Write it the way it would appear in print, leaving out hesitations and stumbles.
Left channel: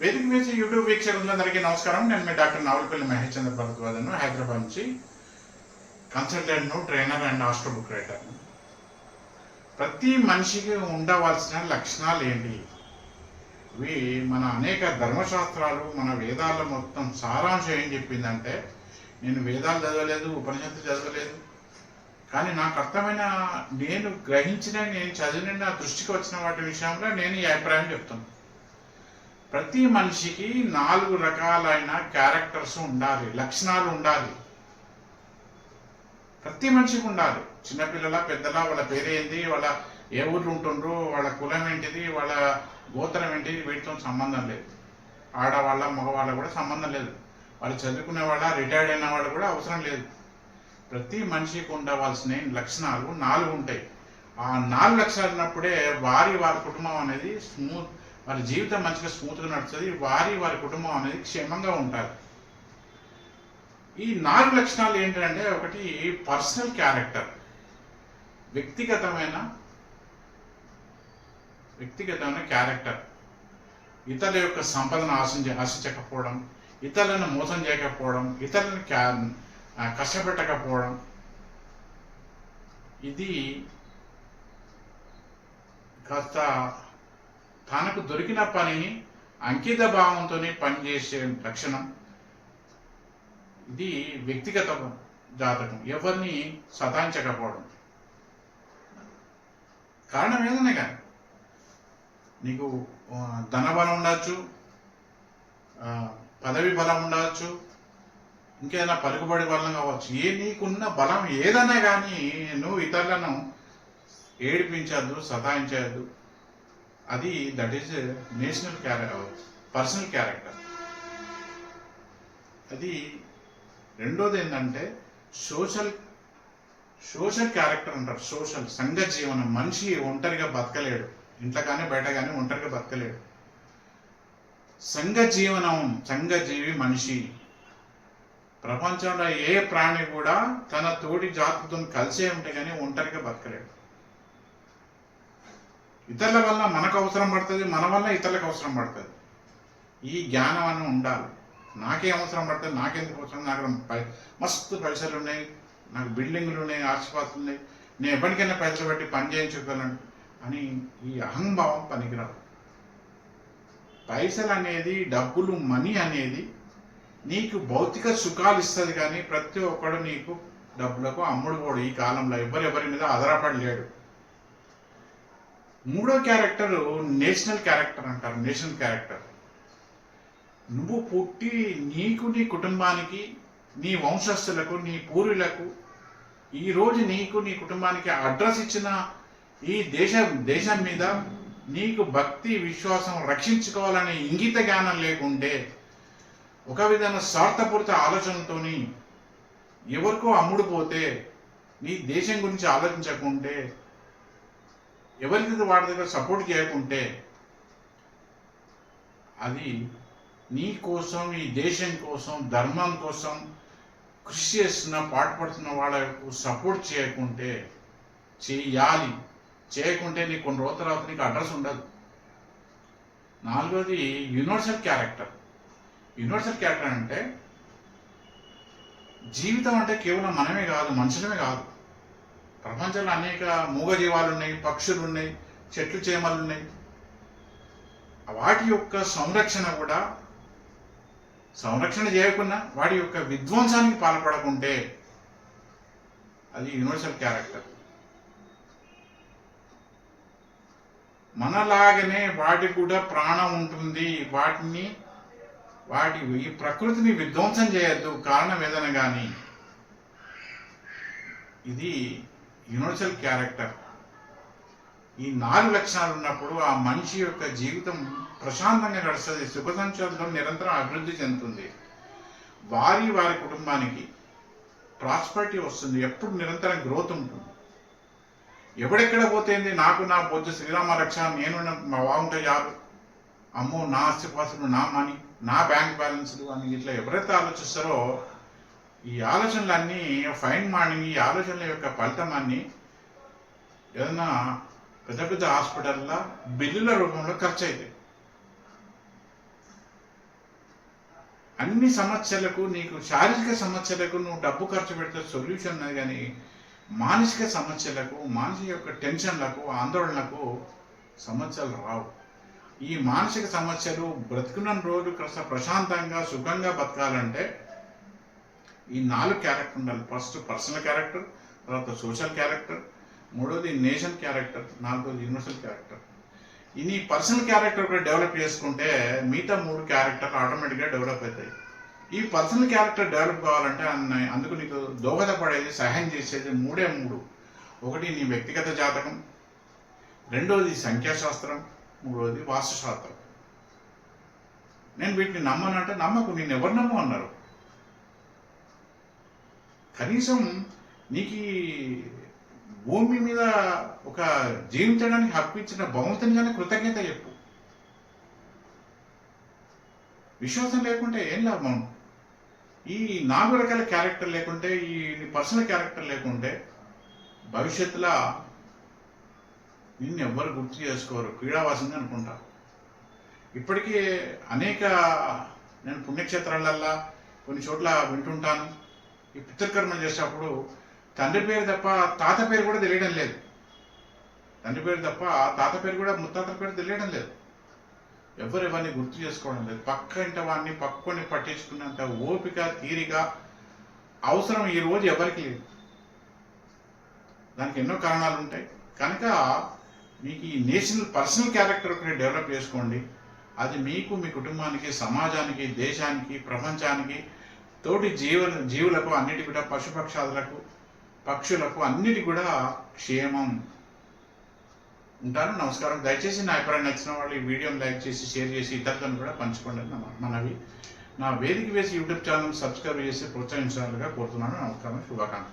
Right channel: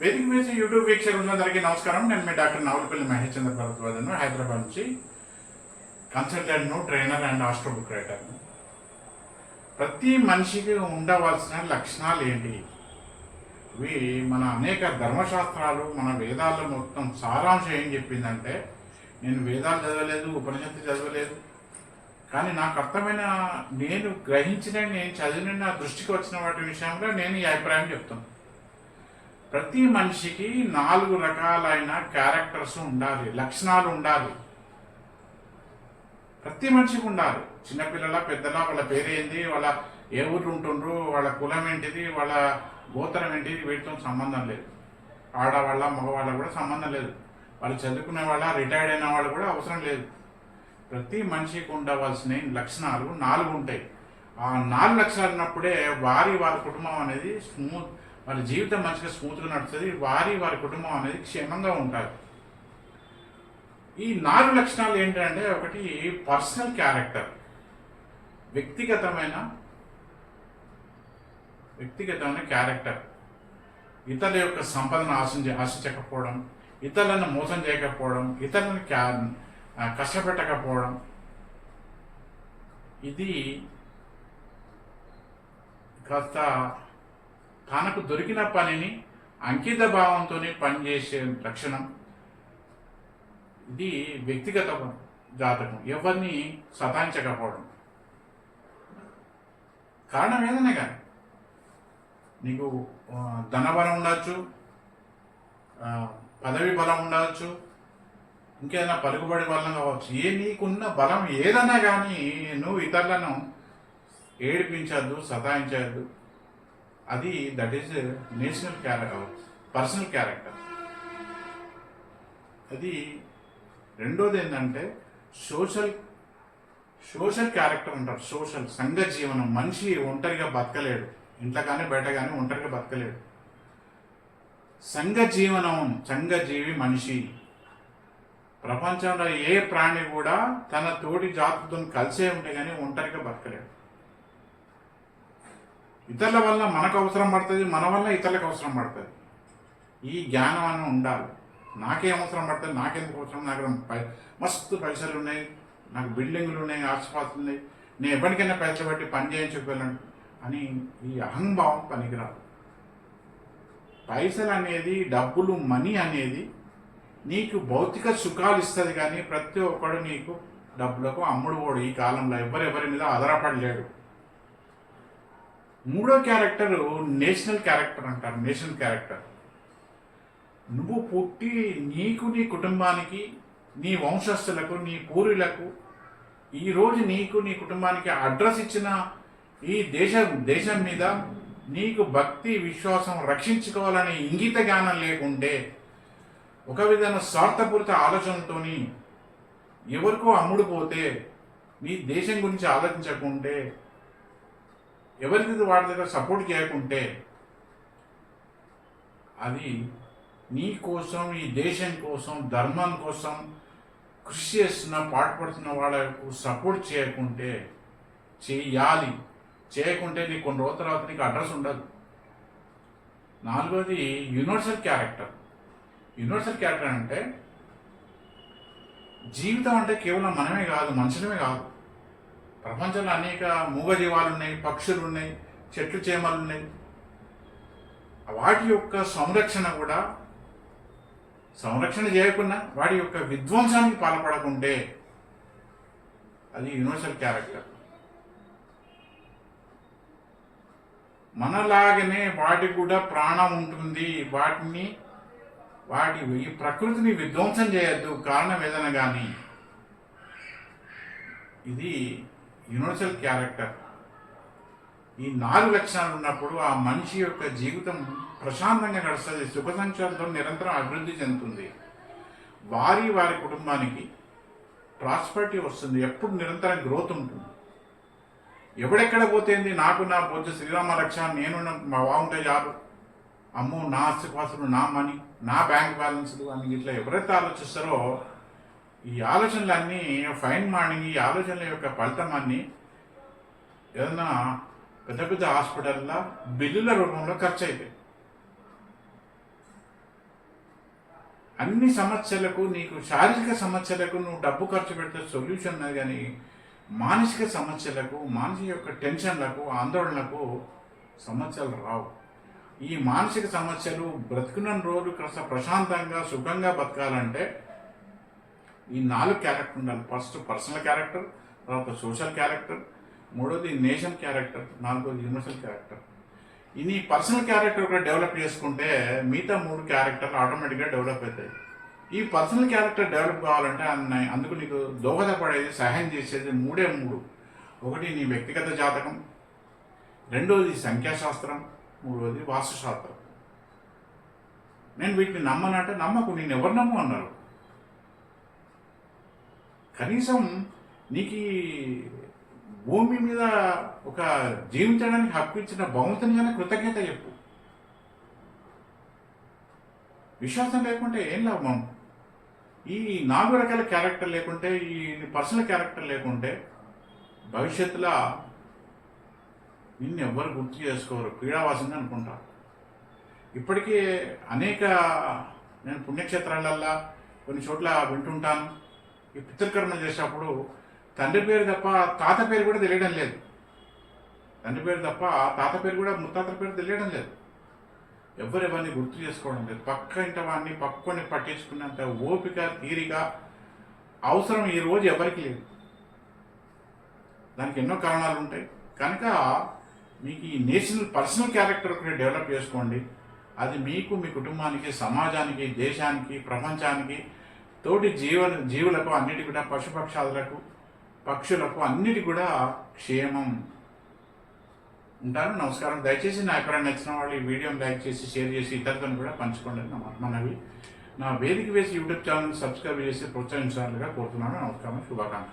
వేదిక వేసి యూట్యూబ్ వీక్షకులందరికీ నమస్కారం. నేను మీ డాక్టర్ నావులపల్లి మహేష్ చంద్ర భరద్వాజను, హైదరాబాద్ నుంచి కన్సల్టెంట్ను, ట్రైనర్ అండ్ ఆస్ట్రో బుక్ రైటర్ను. ప్రతి మనిషికి ఉండవలసిన లక్షణాలు ఏంటి? ఇవి మన అనేక ధర్మశాస్త్రాలు, మన వేదాల్లో మొత్తం సారాంశం ఏం చెప్పిందంటే, నేను వేదాలు చదవలేదు, ఉపనిషత్తు చదవలేదు, కానీ నాకు అర్థమైన, నేను గ్రహించిన, నేను చదివిన, నా దృష్టికి వచ్చిన వాటి విషయంలో నేను ఈ అభిప్రాయం చెప్తాను. ప్రతి మనిషికి 4 రకాలైన క్యారెక్టర్స్ ఉండాలి, లక్షణాలు ఉండాలి. ప్రతి మనిషికి ఉండాలి. చిన్నపిల్లల, పెద్దల, వాళ్ళ పేరేంటి, వాళ్ళ ఏ ఊర్లు ఉంటుండ్రు, వాళ్ళ కులం ఏంటిది, వాళ్ళ గోత్రం ఏంటిది, వీటితో సంబంధం లేదు. ఆడవాళ్ళ, మగవాళ్ళ కూడా సంబంధం లేదు. వాళ్ళు చదువుకునే వాళ్ళ, రిటైర్డ్ అయిన వాళ్ళు కూడా అవసరం లేదు. ప్రతి మనిషికి ఉండవలసిన లక్షణాలు 4 ఉంటాయి. ఆ 4 లక్షణాలు ఉన్నప్పుడే వారి కుటుంబం అనేది వాళ్ళ జీవితం మంచిగా స్మూత్గా నడుస్తుంది. వారి కుటుంబం అనేది క్షేమంగా ఉంటుంది. ఈ 4 లక్షణాలు ఏంటంటే, ఒకటి పర్సనల్ క్యారెక్టర్, వ్యక్తిగతమైన క్యారెక్టర్. ఇతరుల యొక్క సంపదను ఆశించకపోవడం, ఇతరులను మోసం చేయకపోవడం, ఇతరులను కష్టపెట్టకపోవడం. ఇది కాస్త తనకు దొరికిన పనిని అంకిత భావంతో పనిచేసే లక్షణం. ఇది వ్యక్తిగత జాతకం. ఎవరిని సతాయించకపోవడం. కారణం ఏదైనా కానీ, నీకు ధనబలం ఉండవచ్చు, పదవి బలం ఉండవచ్చు, ఇంకేదైనా పలుకుబడి బలం కావచ్చు. నీకున్న బలం ఏదైనా కానీ నువ్వు ఇతరులను ఏడిపించద్దు, సతాయించద్దు. అది దట్ ఈస్ పర్సనల్ క్యారెక్టర్. అది రెండోది ఏంటంటే సోషల్ క్యారెక్టర్ అంటారు. సంఘ జీవనం. మనిషి ఒంటరిగా బతకలేడు, ఇంట్లో కానీ బయట కానీ ఒంటరిగా బతకలేడు. సంఘజీవి మనిషి. ప్రపంచంలో ఏ ప్రాణి కూడా తన తోటి జాతులతో కలిసే ఉంటే కానీ ఒంటరిగా బతకలేడు. ఇతరుల వల్ల మనకు అవసరం పడుతుంది, మన వల్ల ఇతరులకు అవసరం పడుతుంది. ఈ జ్ఞానం అన్న ఉండాలి. నాకేం అవసరం పడుతుంది, నాకెందుకు అవసరం, నాకు మస్తు పైసలు ఉన్నాయి, నాకు బిల్డింగ్లు ఉన్నాయి, ఆస్తిపాస్తులు ఉన్నాయి, నేను ఎప్పటికైనా పైసలు బట్టి పని చేయించుకోగలను అని ఈ అహంభావం పనికిరాదు. పైసలు అనేది, డబ్బులు, మనీ అనేది నీకు భౌతిక సుఖాలు ఇస్తుంది, కానీ ప్రతి ఒక్కడు నీకు డబ్బులకు అమ్ముడు పోడు. ఈ కాలంలో ఎవరి మీద ఆధారపడలేడు. మూడో క్యారెక్టర్ నేషనల్ క్యారెక్టర్ అంటారు. National character. నువ్వు పుట్టి నీకు, నీ కుటుంబానికి, నీ వంశస్థులకు, నీ పూర్వీలకు, ఈరోజు నీకు, నీ కుటుంబానికి అడ్రస్ ఇచ్చిన ఈ దేశం మీద నీకు భక్తి, విశ్వాసం, రక్షించుకోవాలనే ఇంగిత జ్ఞానం లేకుంటే, ఒక విధమైన స్వార్థపూరిత ఆలోచనతో ఎవరికో అమ్ముడుపోతే, నీ దేశం గురించి ఆలోచించకుంటే, ఎవరికి వాటి దగ్గర సపోర్ట్ చేయకుంటే, అది నీ కోసం, ఈ దేశం కోసం, ధర్మం కోసం కృషి చేస్తున్న, పాటుపడుతున్న వాళ్ళకు సపోర్ట్ చేయకుంటే, చేయకుంటే నీకు కొన్ని రోజుల తర్వాత నీకు అడ్రస్ ఉండదు. 4వది యూనివర్సల్ క్యారెక్టర్. యూనివర్సల్ క్యారెక్టర్ అంటే, జీవితం అంటే కేవలం మనమే కాదు, మనుషులమే కాదు. ప్రపంచంలో అనేక మూగజీవాలు ఉన్నాయి, పక్షులు ఉన్నాయి, చెట్లు చేమలు ఉన్నాయి. వాటి యొక్క సంరక్షణ చేయకుండా, వాటి యొక్క విధ్వంసానికి పాల్పడకుంటే అది యూనివర్సల్ క్యారెక్టర్. మనలాగనే వాటికి కూడా ప్రాణం ఉంటుంది. ఈ ప్రకృతిని విధ్వంసం చేయొద్దు, కారణం ఏదైనా కానీ. ఇది యూనివర్సల్ క్యారెక్టర్. ఈ 4 లక్షణాలు ఉన్నప్పుడు ఆ మనిషి యొక్క జీవితం ప్రశాంతంగా గడుస్తుంది, సుఖ సంతోషాలతో నిరంతరం అభివృద్ధి చెందుతుంది. వారి కుటుంబానికి ప్రాస్పరిటీ వస్తుంది, ఎప్పుడు నిరంతరం గ్రోత్ ఉంటుంది. ఎవడెక్కడ పోతేంది, నాకు నా బొజ్జు శ్రీరామ రక్ష, నేను మా బాగుంటే జాబ్, అమ్మో నా ఆస్తిపాస్తులు, నా మనీ, నా బ్యాంక్ బ్యాలెన్స్లు అని ఇట్లా ఎవరైతే ఆలోచిస్తారో, ఈ ఆలోచనలన్నీ ఫైన్ మార్నింగ్, ఈ ఆలోచనల యొక్క ఫలితం అన్నీ ఏదన్నా పెద్ద హాస్పిటల్లో బిల్లుల రూపంలో ఖర్చు అవుతాయి. అన్ని సమస్యలకు, నీకు శారీరక సమస్యలకు నువ్వు డబ్బు ఖర్చు పెడితే సొల్యూషన్ ఉన్నది, కానీ మానసిక సమస్యలకు, మానసిక యొక్క టెన్షన్లకు, ఆందోళనలకు సమస్యలు రావు. ఈ మానసిక సమస్యలు బ్రతుకున్న రోజు కాస్త ప్రశాంతంగా సుఖంగా బతకాలంటే ఈ 4 క్యారెక్టర్ ఉండాలి. ఫస్ట్ పర్సనల్ క్యారెక్టర్, తర్వాత సోషల్ క్యారెక్టర్, మూడోది నేషన్ క్యారెక్టర్, నాలుగోది యూనివర్సల్ క్యారెక్టర్. ఈ నీ పర్సనల్ క్యారెక్టర్ కూడా డెవలప్ చేసుకుంటే మిగతా 3 క్యారెక్టర్లు ఆటోమేటిక్గా డెవలప్ అవుతాయి. ఈ పర్సనల్ క్యారెక్టర్ డెవలప్ కావాలంటే అందుకు నీకు దోహదపడేది, సహాయం చేసేది 3 ఒకటి నీ వ్యక్తిగత జాతకం, రెండోది సంఖ్యాశాస్త్రం, మూడోది వాస్తుశాస్త్రం. నేను వీటిని నమ్మనంటే నమ్మకు, నేను ఎవరు నమ్ము అన్నారు. కనీసం నీకు భూమి మీద ఒక జీవించడానికి హక్కు ఇచ్చిన భగవంతునిగానే కృతజ్ఞత చెప్పు. విశ్వాసం లేకుంటే ఏం లాభం? ఈ 4 రకాల క్యారెక్టర్ లేకుంటే, ఈ పర్సనల్ క్యారెక్టర్ లేకుంటే భవిష్యత్తులో నిన్ను ఎవ్వరు గుర్తు చేసుకోరు, క్రీడావాసంగా అనుకుంటారు. ఇప్పటికీ అనేక నేను పుణ్యక్షేత్రాలల్లో కొన్ని చోట్ల వింటుంటాను, ఈ పితృకర్మ చేసేటప్పుడు తండ్రి పేరు తప్ప తాత పేరు కూడా తెలియడం లేదు. తండ్రి పేరు తప్ప తాత పేరు కూడా, ముత్తాతల పేరు తెలియడం లేదు. ఎవరెవరిని గుర్తు చేసుకోవడం లేదు. పక్క ఇంట వాడిని పక్కని పట్టించుకున్నంత ఓపిక, తీరిక, అవసరం ఈరోజు ఎవరికి లేదు. దానికి ఎన్నో కారణాలు ఉంటాయి. కనుక మీకు ఈ నేషనల్ పర్సనల్ క్యారెక్టర్ ఒకటి డెవలప్ చేసుకోండి. అది మీకు, మీ కుటుంబానికి, సమాజానికి, దేశానికి, ప్రపంచానికి, తోటి జీవులకు అన్నిటి కూడా, పశుపక్షాదులకు, పక్షులకు అన్నిటి కూడా క్షేమం. ఉంటాను. నమస్కారం. దయచేసి నా అభిప్రాయం నచ్చిన వాళ్ళు ఈ వీడియోని లైక్ చేసి, షేర్ చేసి ఇతరులను కూడా పంచుకోండి మనవి. నా వేదిక వేసి యూట్యూబ్ ఛానల్ సబ్స్క్రైబ్ చేసి ప్రోత్సహించాలిగా కోరుతున్నాను. నమస్కారం. శుభాకాంక్షలు.